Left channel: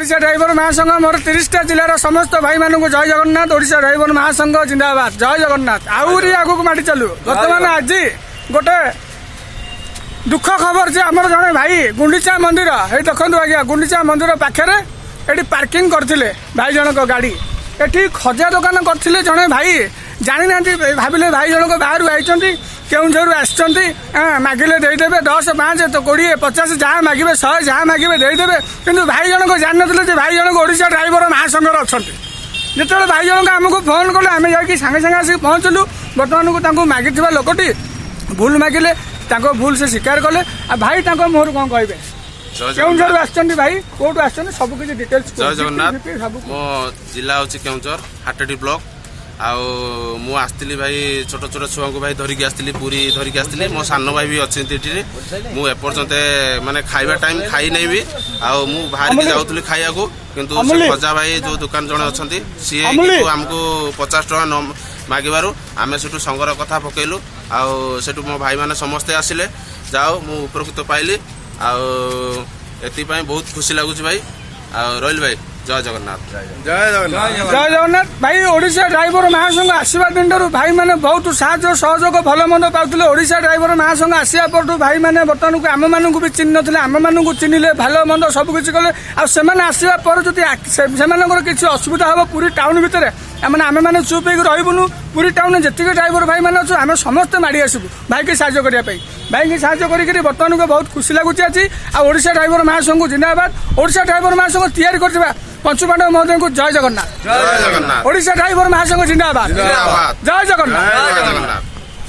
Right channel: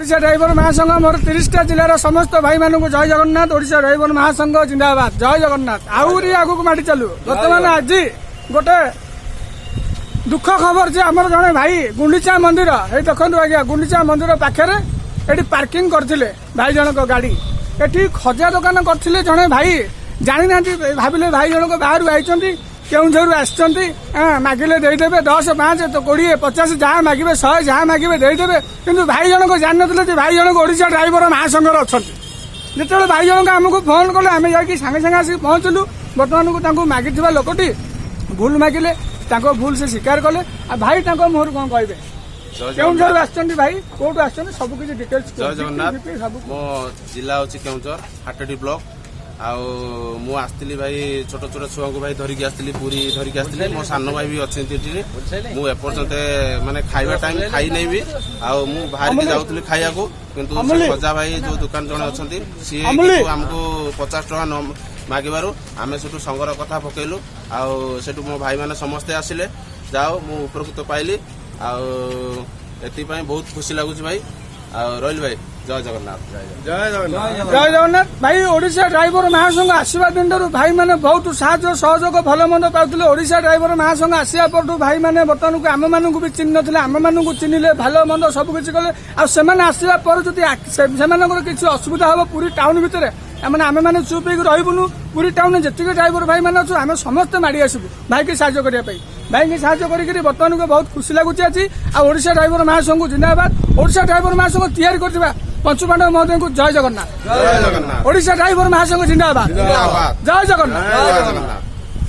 Odisha driver महासंघ मोर 30टा जिलार समस्त भाई मानक जय जगन्नाथ। ओडिशा ड्राइवर महासंघ जिंदाबाद, जय जगन्नाथ। आहरी आगक माटी चलू। बर्तमान आज गोटे दुख खबर जे आमर जड़े भाई गुंडीचा मंदिर ये देखो आज्ञा गुंडीचा मंदिर पाखे ये पार्किंग करते भाई जनक गाड़ी ये खजा दुकान करते जड़े भाई जानी ना भाविले भाई जनक बाहर आई केउझर आसते मागिले देदेवे 10 5 तो 20 50 जहाँ मागे 100 जहाँ मागे देदेवे किंतु भाई जनक जान ना भाई जनक ओडिशा ड्राइवर महासंघ अच्छा जिते भाई जनक आमको फोन कले आम जा सागे सागे आसिक पहुँचलु। बर्तमान को मागी लोकटी भूल मागिले भूल से स्वीकार कले भाई मोहर कौन कहे केउझर आसछन्ती भाई कोट आसछन्ती सब किछि डिटेल्स जय जगन्नाथ। मो जिला होछि केउझर हाटडी ब्लॉक आउ मु आस्तिली भाई छोट छोट छुआ को भाई धरिकी आस्तिली पूरी धरिकी आस्तिली मो सान भाई भी अच्छे मु एपर्यंत माने खाइबा टाइम खाई नै भी आउ मु बाहर के जाउतली खाइया को किंतु से खजा भाई जो दुकान जणे अछंती सी किंतु हमको 50 टका न मागिबारु आमे सेटु संगर कथा पकेलु आउ सेटु मो भाई माने समस्ते आसिले जाओ मु उपकृत पाइली आउ एति पई बहुत खुशी लागुची भाई आउ रोहिल भाई जय जगन्नाथ। जय जगन्नाथ भाई ओडिशा ड्राइवर महासंघ आसवा दिन भाई मैंने बहुत साहय सहयोग भल मंद पाते। ओडिशा ड्राइवर महासंघ आसवा पर भाई मैंने बर्तमान को आम मानक भी चिन्ह नथिले आम मानक चिन्हले भल मंद सबकिछि कले आसवा पर जदि किसी असुविधा हम पूरी टाउन भितर मैंने आम मैंने चुप हो रहीबुनु पूरी टाउन जी ड्राइवर भाई मैंने अच्छे आम समस्ते माड़ी आसबू भाई की साहय करने भाई की साहय करके बर्तमान को बहुत खुशी लगुच आज ओडिशा ड्राइवर महासंघ जिंदाबाद। ओडिशा ड्राइवर महासंघ तैयारी कर पंचुपांडव महोदय को जय जगन्नाथ। जय जगन्नाथ। ओडिशा ड्राइवर महासंघ जिंदाबाद, जय जगन्नाथ।